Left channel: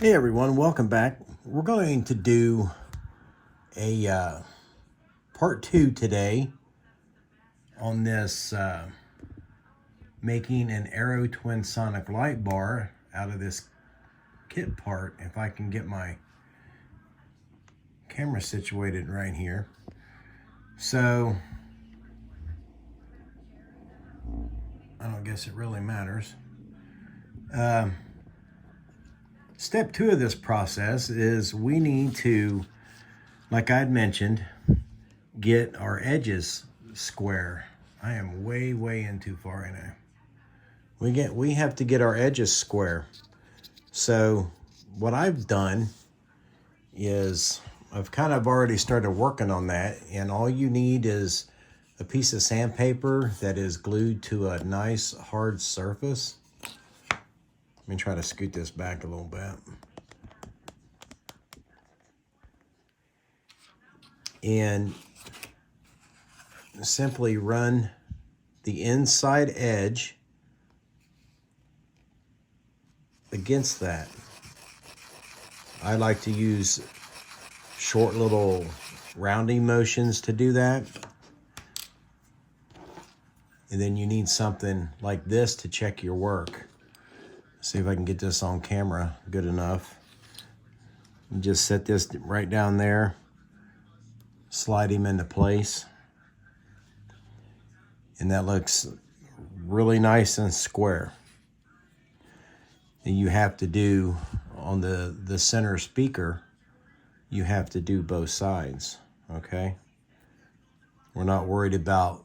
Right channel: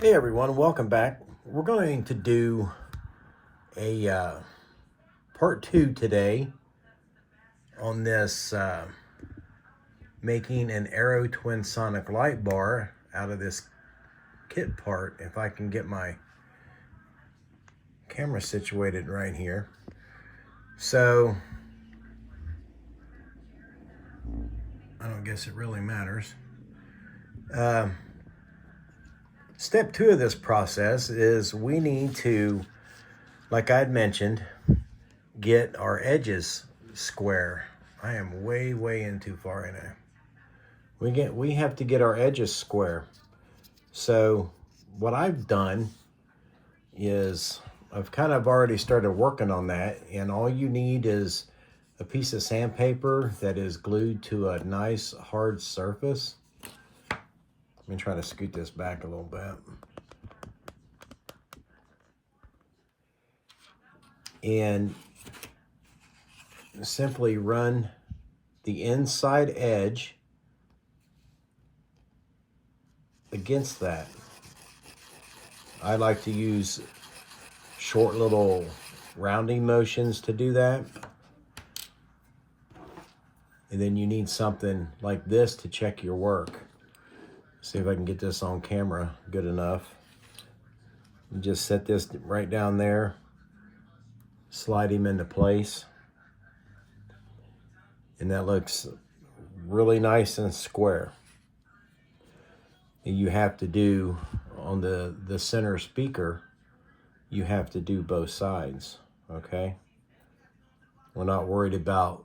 Hey everyone, welcome back. We're going to do a part two today on this making an Aerotwinsonic light bar out of this kit part. If I can get my camera situated right here. So, I don't guess it really matters. Step two of this process is we need to, like I'd mentioned, get our edges square. I am way in too far in there. We have to get our edges square. So what I've done is I've kind of already started working on that, and all you need is a piece of sandpaper that is glued to a nice hard surface. Let me try to scoot this back a little bit. And simply run the inside edge against that. I like to use short little rounding motions to do that. And then you need something like this to check your work. See if I can get this on camera good enough. And just set this right down there. Slide him into place. And that looks really nice and square. And you have to do on the center speaker, you have to do both sides, okay? We're not worried about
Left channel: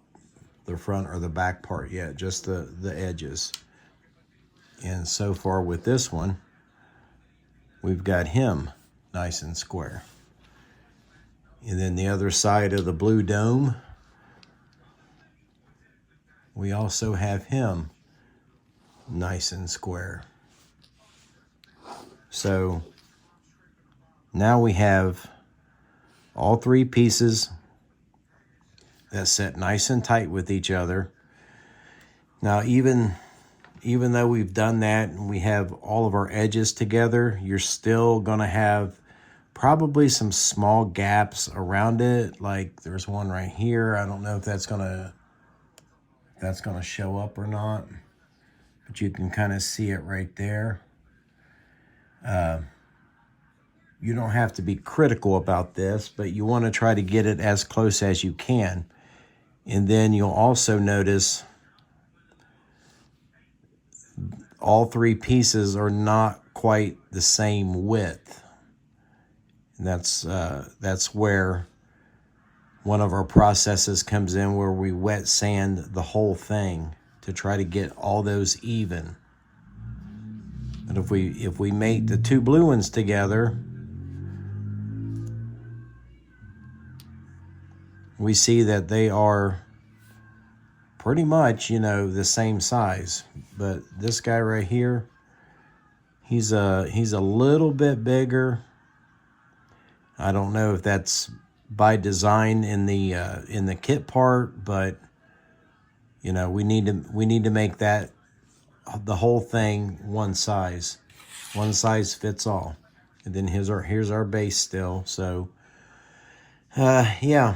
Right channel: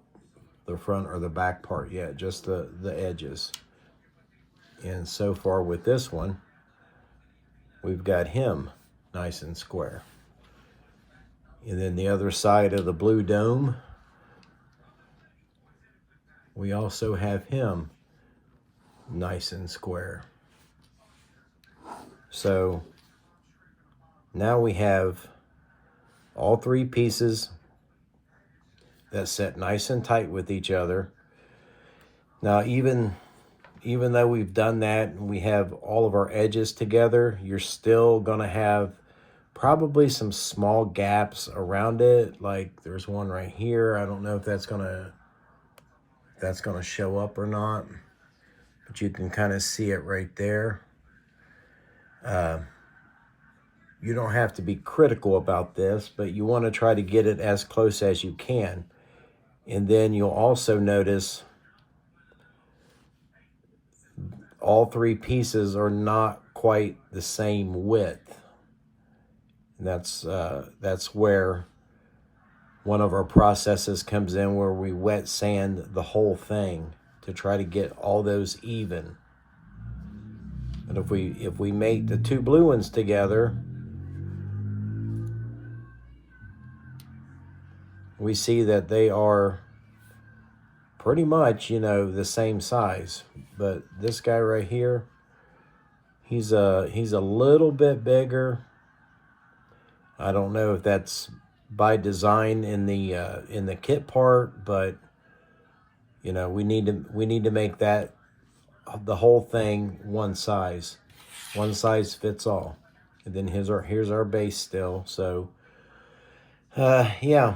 the front or the back part yet, just the edges. And so far with this one, we've got him nice and square. And then the other side of the blue dome, we also have him nice and square. So now we have all three pieces that set nice and tight with each other. Now even though we've done that and we have all of our edges together, you're still gonna have probably some small gaps around it. Like there's one right here. I don't know if that's gonna show up or not, but you can kind of see it right there. You don't have to be critical about this, but you want to try to get it as close as you can. And then you'll also notice all three pieces are not quite the same width. And that's where one of our processes comes in, where we wet sand the whole thing to try to get all those even. But if we make the two blue ones together, we see that they are pretty much, the same size. But this guy right here, he's a little bit bigger. I don't know if that's by design in the kit part, but we need to make that the whole thing one size fits all. And then here's our base still. So yeah,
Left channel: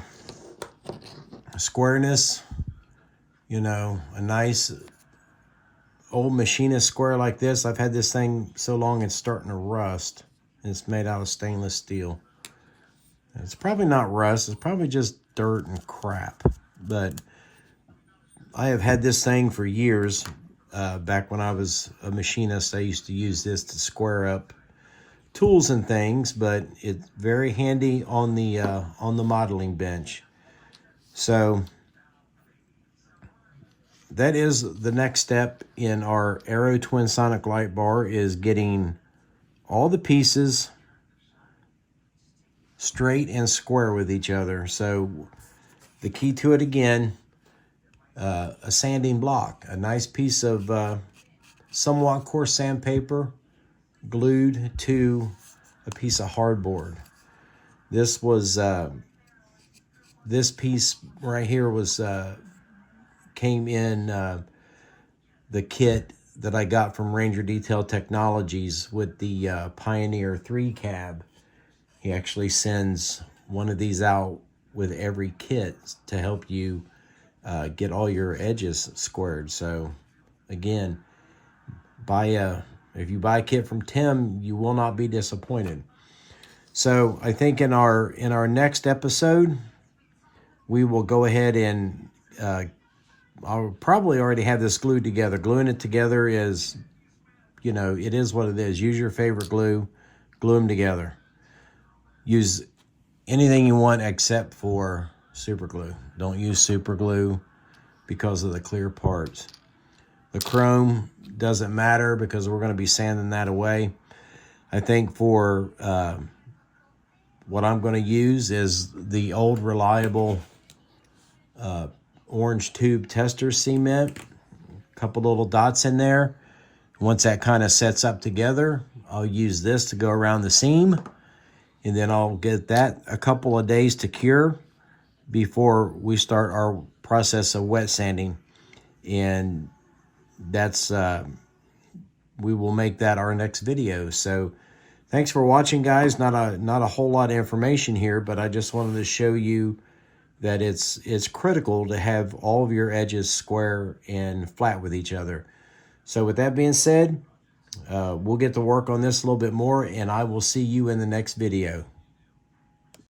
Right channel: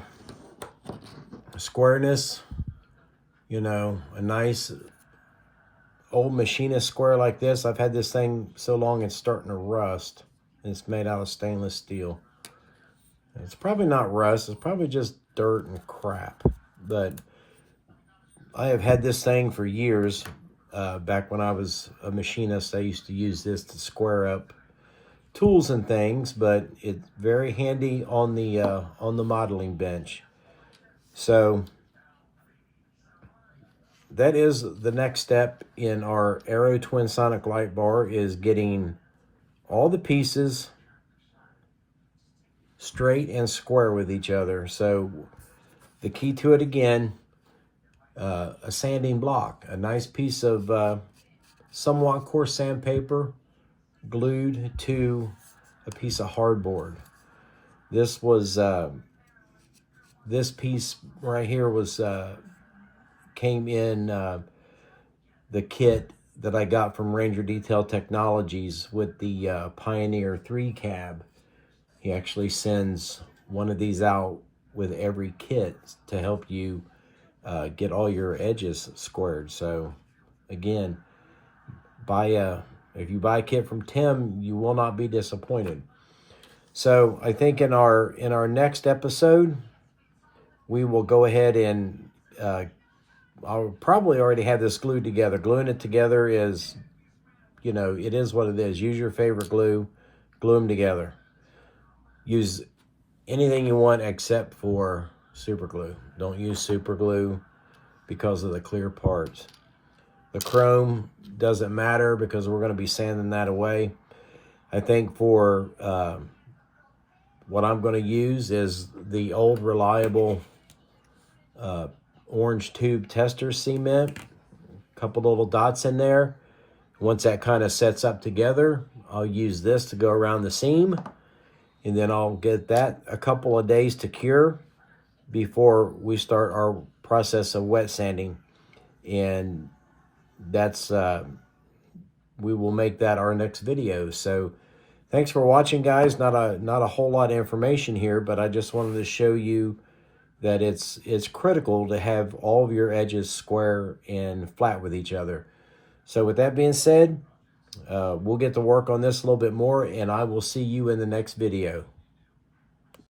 squareness, a nice old machinist square like this. I've had this thing so long it's starting to rust. It's made out of stainless steel. It's probably not rust, it's probably just dirt and crap. But I have had this thing for years. Back when I was a machinist, I used to use this to square up tools and things, but it's very handy on the modeling bench. So that is the next step in our Aerotwinsonic light bar, is getting all the pieces straight and square with each other. So the key to it again, a sanding block, a nice piece of somewhat coarse sandpaper glued to a piece of hardboard. This was this piece right here was came in the kit that I got from Ranger Detail Technologies with the Pioneer 3 cab. He actually sends one of these out with every kit to help you get all your edges squared. So again, if you buy a kit from Tim, you will not be disappointed. So I think in our next episode, we will go ahead and I'll probably already have this glued together. Gluing it together is, you know, it is what it is. Use your favorite glue, glue them together. Use anything you want except for super glue. Don't use super glue because of the clear parts. The chrome doesn't matter because we're going to be sanding that away. I think for what I'm going to use is the old reliable orange tube tester cement. A couple little dots in there. Once that kind of sets up together, I'll use this to go around the seam, and then I'll get that a couple of days to cure before we start our process of wet sanding. And that's we will make that our next video. So thanks for watching, guys. Not a whole lot of information here, but I just wanted to show you that it's critical to have all of your edges square and flat with each other. So with that being said, we'll get to work on this a little bit more, and I will see you in the next video.